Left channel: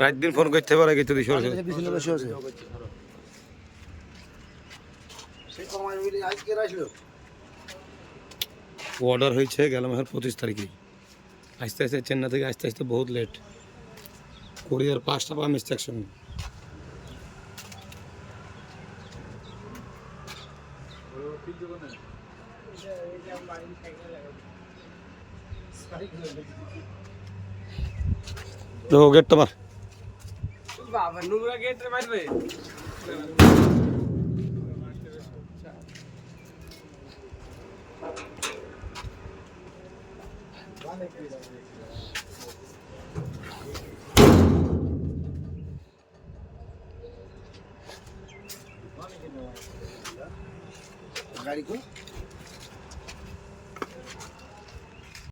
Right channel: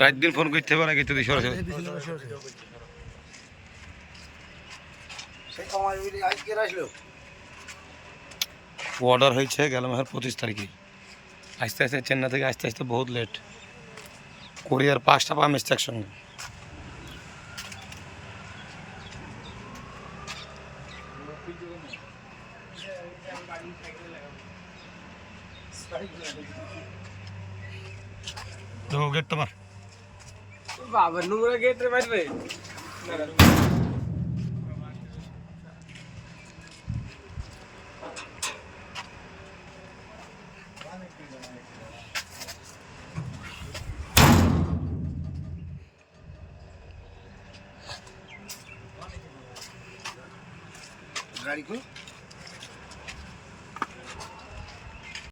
রাত দিন ফোন করতে পারে কিন্তু সরাসরি অর্ডার হয়েছে গেল মাসের 25 তারিখে। আস্তে আস্তে চেন্নাই থেকে আস্তে আস্তে বহুত লেট। কোরিয়ার 5টা পা মিস্টেক সঙ্গে। দেখো গেট তোমার বাবা নোংরা গেট রে বাইরে गाड़ी को